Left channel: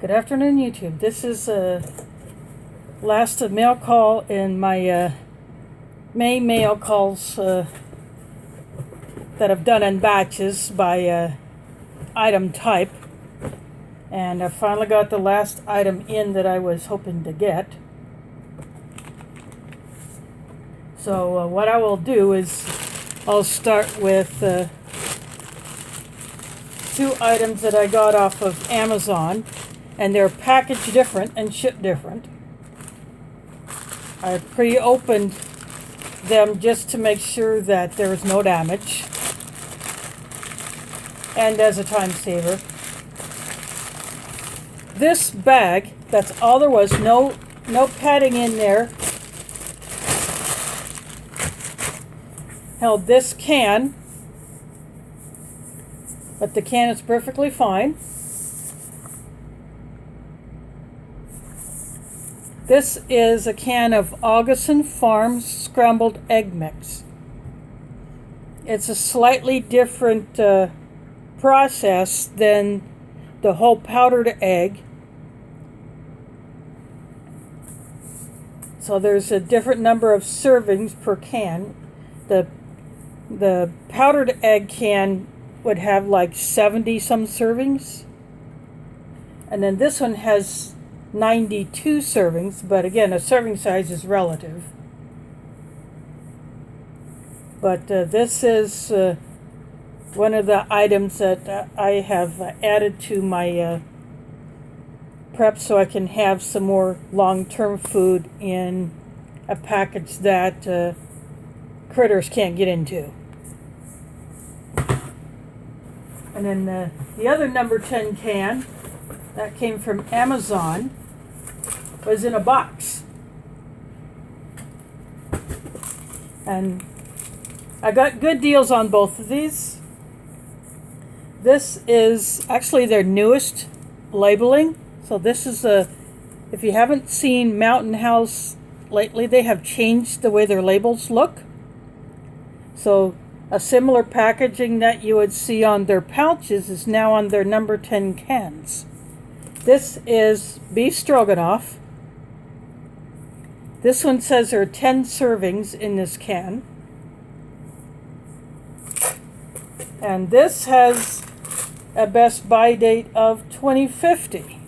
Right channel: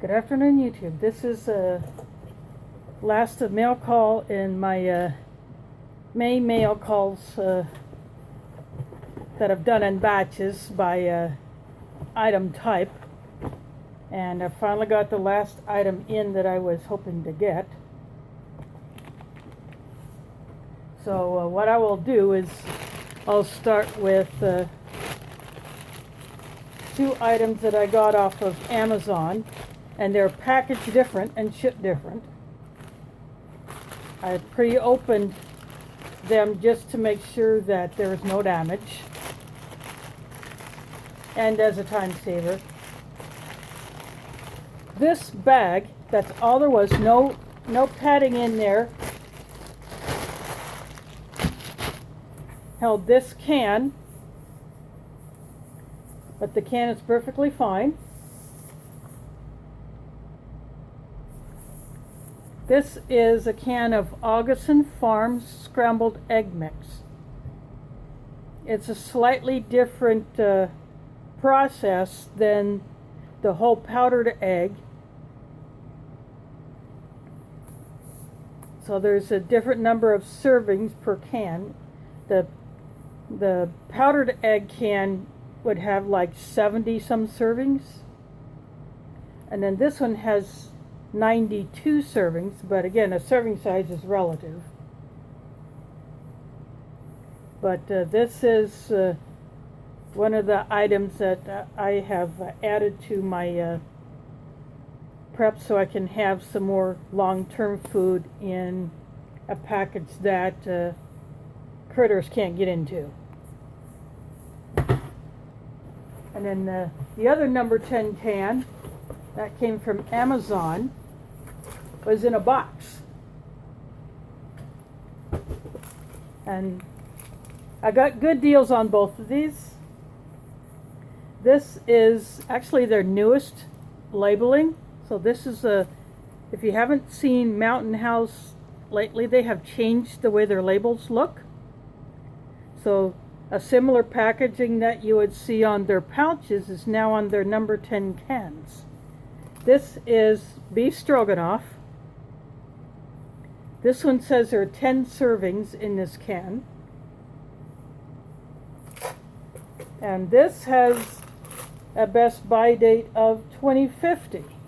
Good afternoon, YouTube. This is last mail call in my May mail calls that I've done in batches by item type. And I finally got the last item in that I was hoping to get. So what I will do is I'll start with two items that I got off of Amazon. And they're packaged different and shipped different. I pre-opened them just to make sure that there was no damage. And as a time saver. This bag, that's all there was, no padding in there, held this can, but the can is perfectly fine. This is a can of Augason Farms scrambled egg mix. It's a slightly different process than the whole powdered egg. So there's a different number of servings per can. The powdered egg can would have like 70 some servings. And then this one has 92 servings, but again, a serving size is relative. But this is one of the items that I have added to my prep so I can have some more long-term food in a package that critters can't get into. And then the other number 10 can that came from Amazon was in a box. And I got good deals on both of these. This is actually their newest labeling. So this is if you haven't seen Mountain House lately, they have changed the way their labels look. So a similar packaging that you would see on their pouches is now on their number 10 cans. This is beef stroganoff. This one says there are 10 servings in this can. And this has a best by date of 2050.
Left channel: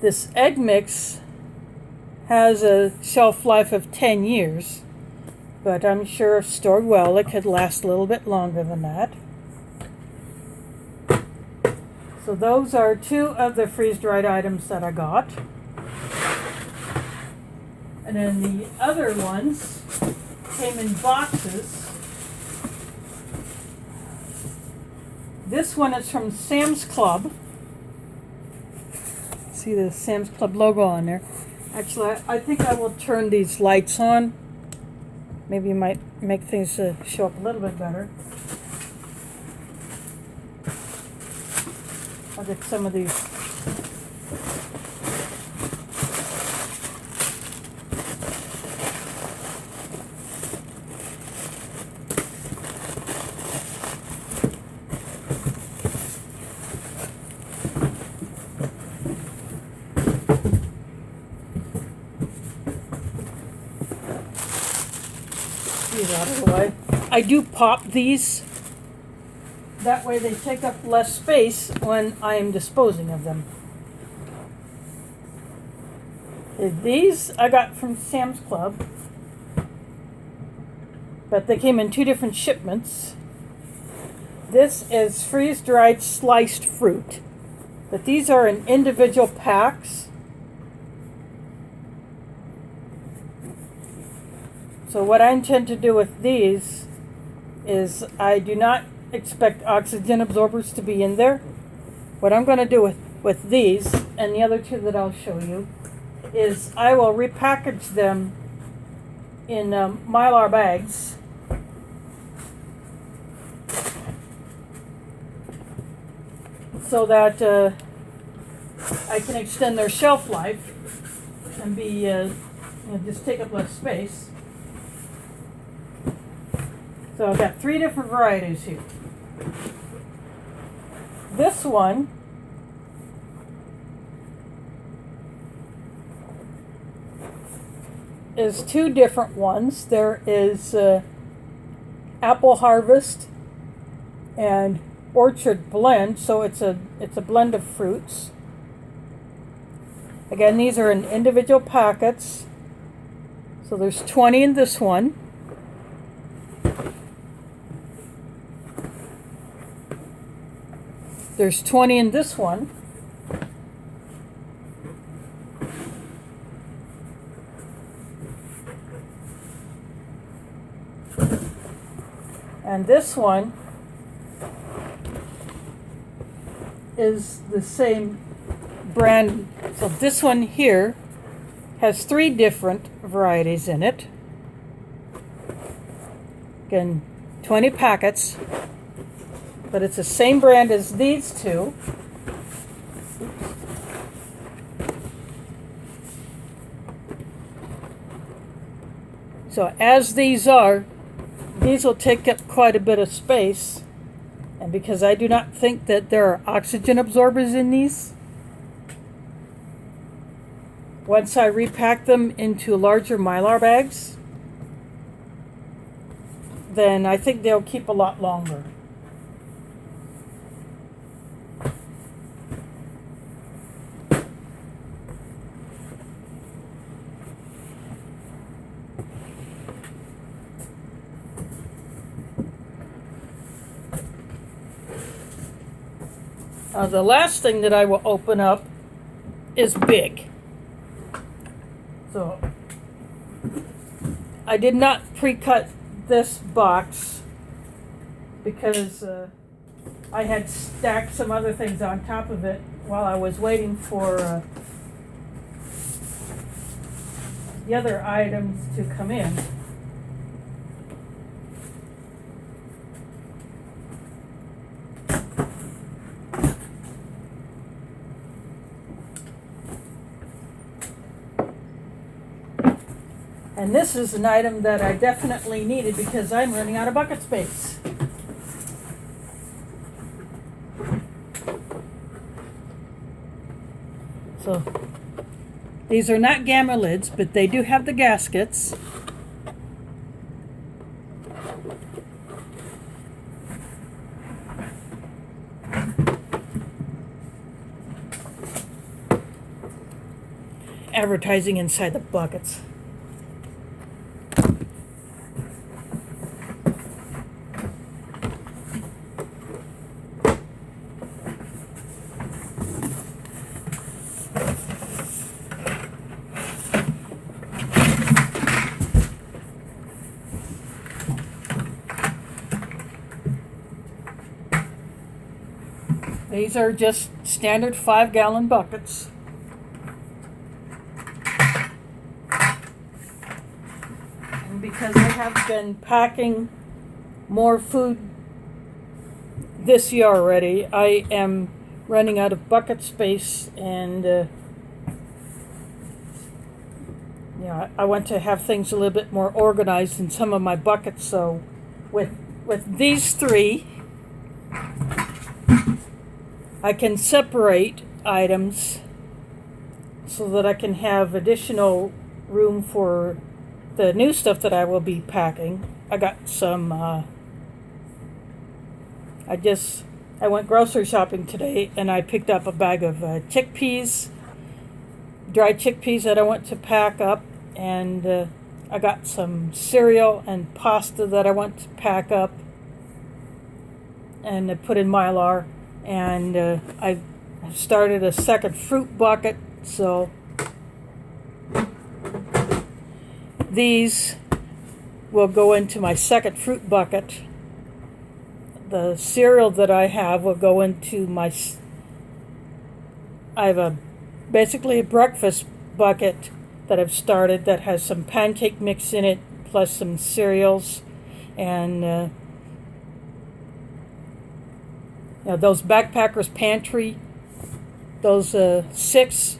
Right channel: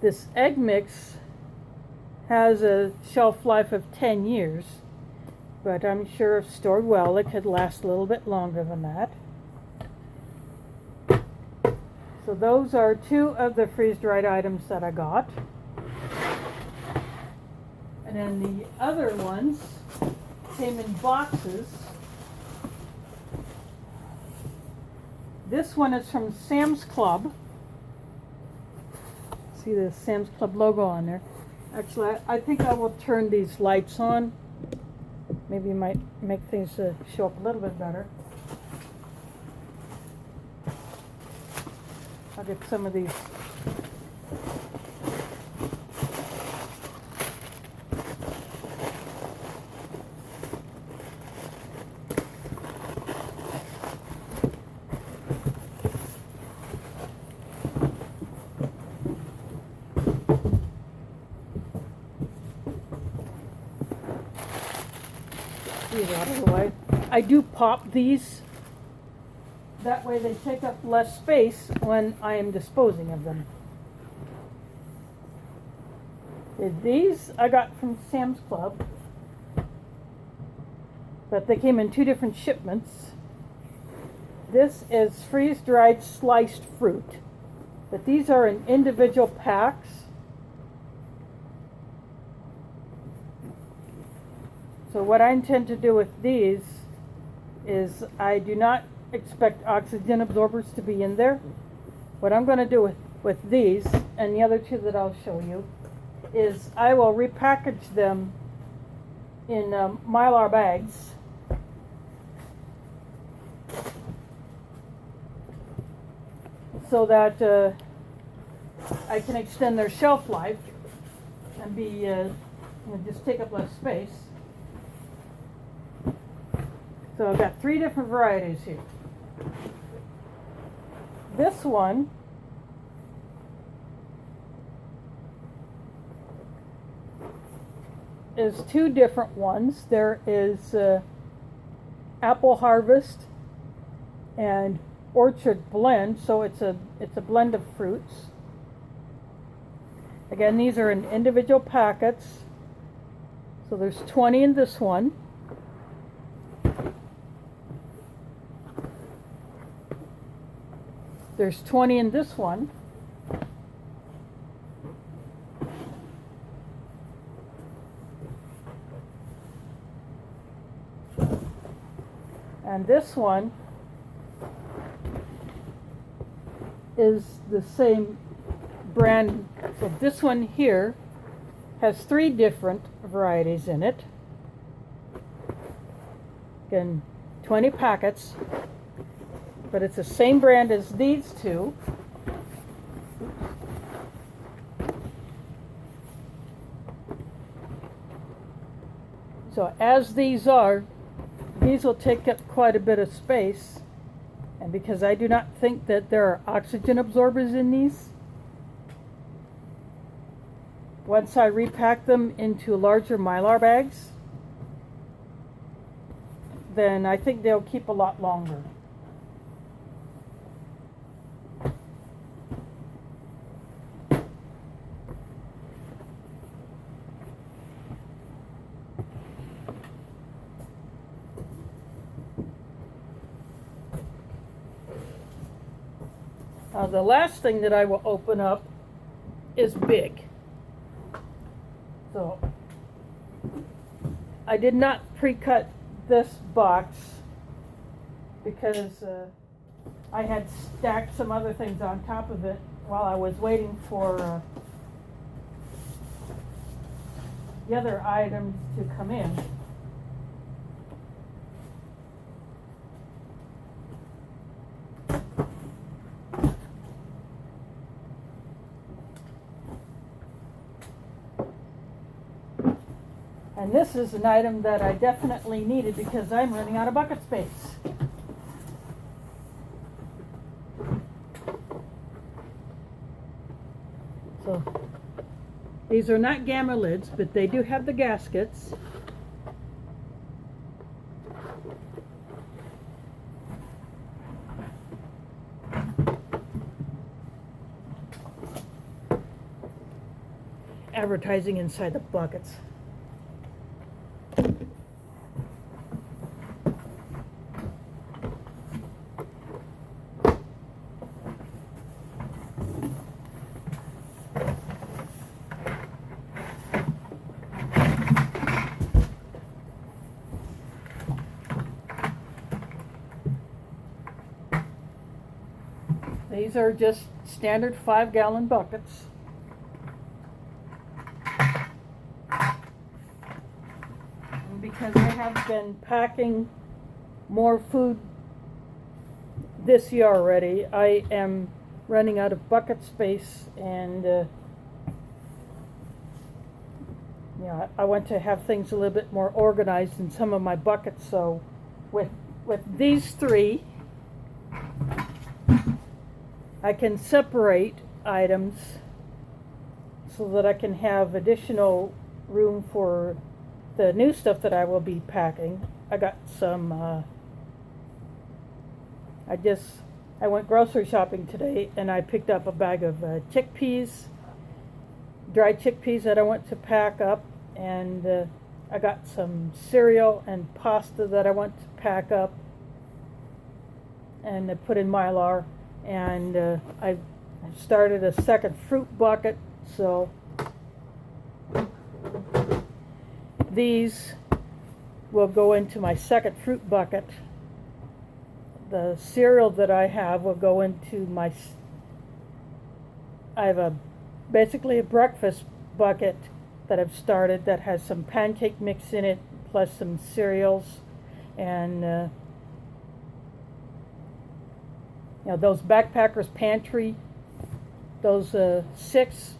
This egg mix has a shelf life of 10 years, but I'm sure if stored well, it could last a little bit longer than that. So those are two of the freeze-dried items that I got. And then the other ones came in boxes. This one is from Sam's Club. See the Sam's Club logo on there. Actually, I think I will turn these lights on. Maybe it might make things show up a little bit better. I'll get some of these. These out of the way. I do pop these. That way they take up less space when I am disposing of them. These I got from Sam's Club, but they came in two different shipments. This is freeze-dried sliced fruit, but these are in individual packs. So what I intend to do with these is I do not expect oxygen absorbers to be in there. What I'm going to do with these and the other two that I'll show you is I will repackage them in Mylar bags so that I can extend their shelf life and be just take up less space. So I've got 3 different varieties here. This one is two different ones. There is Apple Harvest and Orchard Blend, so it's a blend of fruits. Again, these are in individual packets. So there's 20 in this one. There's 20 in this one. And this one is the same brand. So this one here has 3 different varieties in it. Again, 20 packets, but it's the same brand as these two. So as these will take up quite a bit of space, and because I do not think that there are oxygen absorbers in these, once I repack them into larger Mylar bags, then I think they'll keep a lot longer. The last thing that I will open up is big. So I did not pre-cut this box because I had stacked some other things on top of it while I was waiting for the other items to come in. And this is an item that I definitely needed because I'm running out of bucket space. So these are not gamma lids, but they do have the gaskets. Advertising inside the buckets. These are just standard 5-gallon buckets. And because I have been packing more food this year already, I am running out of bucket space, and I want to have things a little bit more organized in some of my buckets. So with these 3, I can separate items so that I can have additional room for the new stuff that I will be packing. I got some, I went grocery shopping today, and I picked up a bag of chickpeas, dried chickpeas that I want to pack up, and I got some cereal and pasta that I want to pack up and put in Mylar. And I started a second fruit bucket, so these will go into my second fruit bucket. The cereal that I have will go into I have basically a breakfast bucket that I've started that has some pancake mix in it, plus some cereals, and those Backpackers Pantry, those 6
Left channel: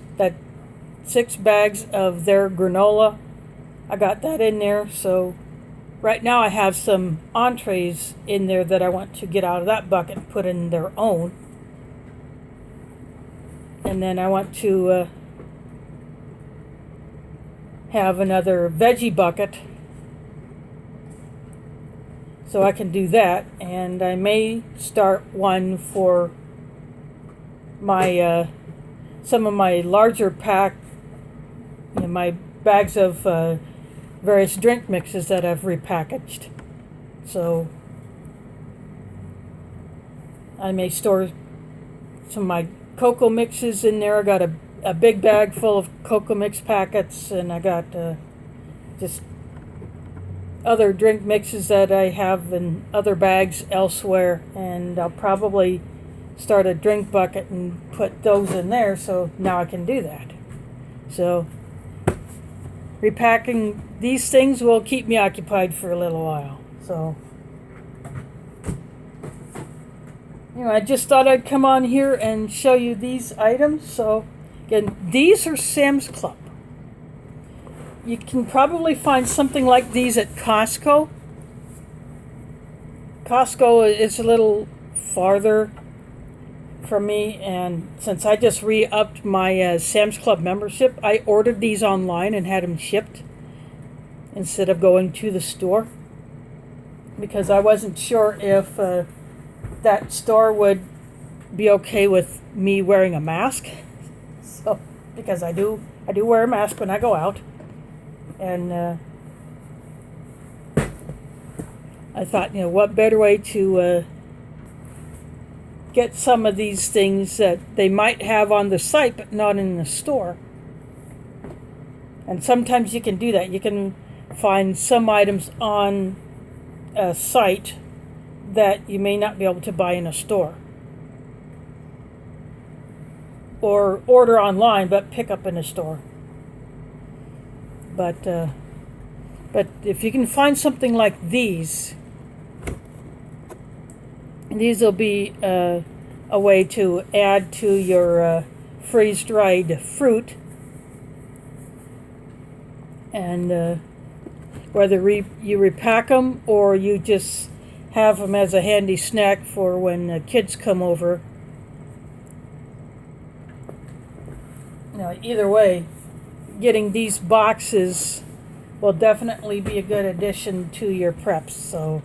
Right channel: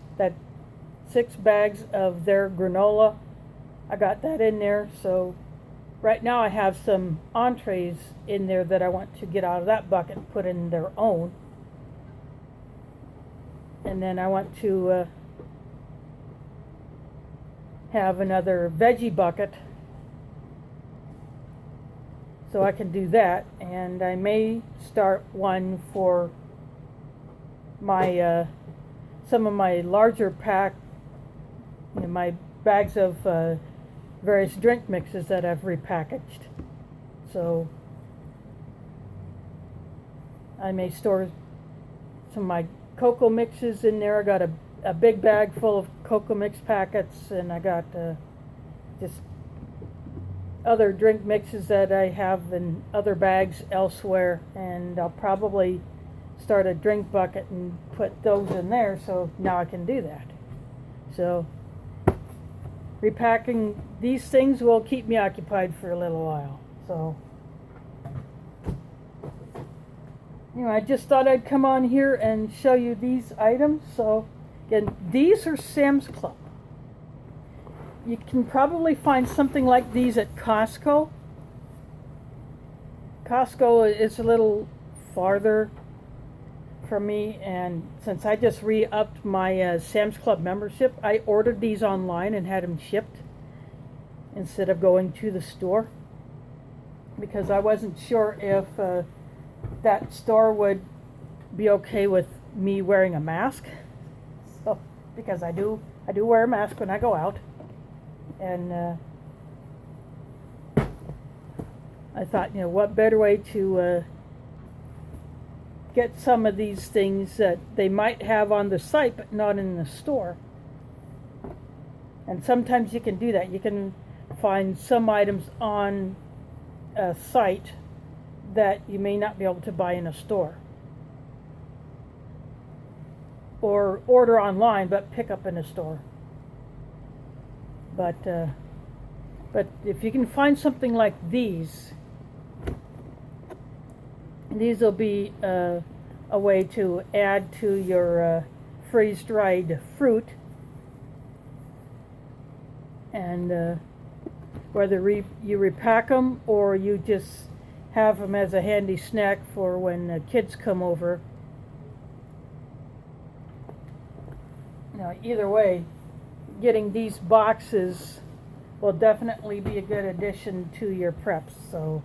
bags of their granola, I got that in there. So right now I have some entrees in there that I want to get out of that bucket and put in their own. and then I want to have another veggie bucket, so I can do that. And I may start one for my some of my larger pack, my bags of various drink mixes that I've repackaged. So I may store some of my cocoa mixes in there. I got a big bag full of cocoa mix packets, and I got just other drink mixes that I have in other bags elsewhere, and I'll probably start a drink bucket and put those in there, so now I can do that. So repacking these things will keep me occupied for a little while. So I just thought I'd come on here and show you these items. So again, these are Sam's Club. You can probably find something like these at Costco. Costco is a little farther from me, and since I just re-upped my Sam's Club membership, I ordered these online and had them shipped instead of going to the store, because I wasn't sure if that store would be okay with me wearing a mask. So, because I do wear a mask when I go out, and I thought, what better way to get some of these things that they might have on the site but not in the store. And sometimes you can do that. You can find some items on a site that you may not be able to buy in a store, or order online but pick up in a store. But if you can find something like these will be a way to add to your freeze-dried fruit, and whether you repack them or you just have them as a handy snack for when kids come over. Either way, getting these boxes will definitely be a good addition to your preps. So,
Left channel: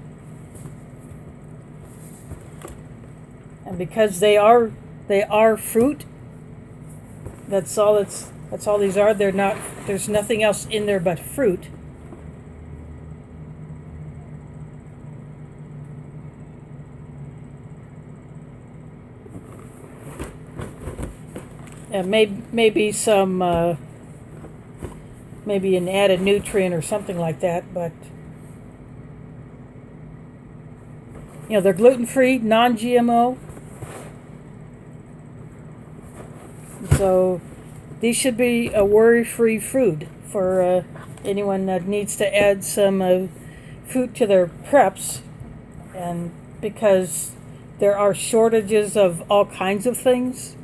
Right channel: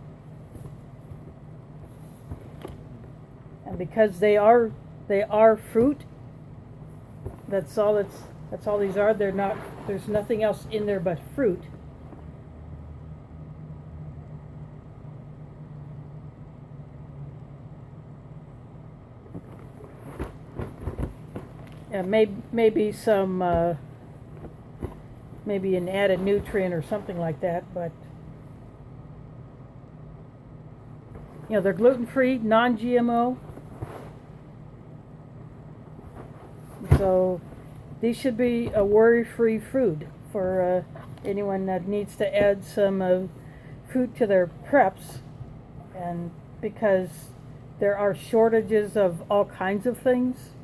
and because they are fruit, that's all these are. There's nothing else in there but fruit. Maybe some maybe an added nutrient or something like that, but they're gluten-free, non-GMO. So these should be a worry-free food for anyone that needs to add some fruit to their preps, and because there are shortages of all kinds of things.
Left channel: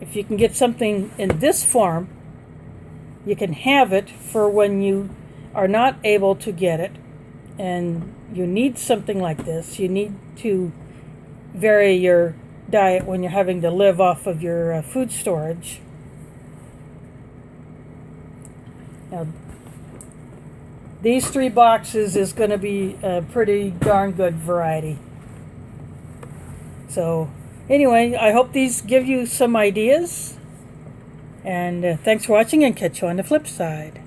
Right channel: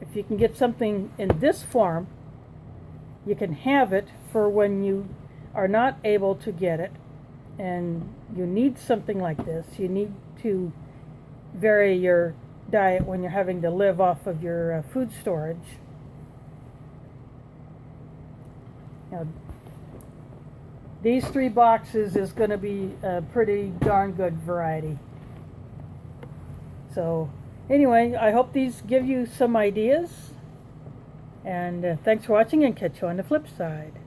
If you can get something in this form, you can have it for when you are not able to get it, and you need something like this. You need to vary your diet when you're having to live off of your food storage. Now, these 3 boxes is going to be a pretty darn good variety. So anyway, I hope these give you some ideas, and thanks for watching, and catch you on the flip side.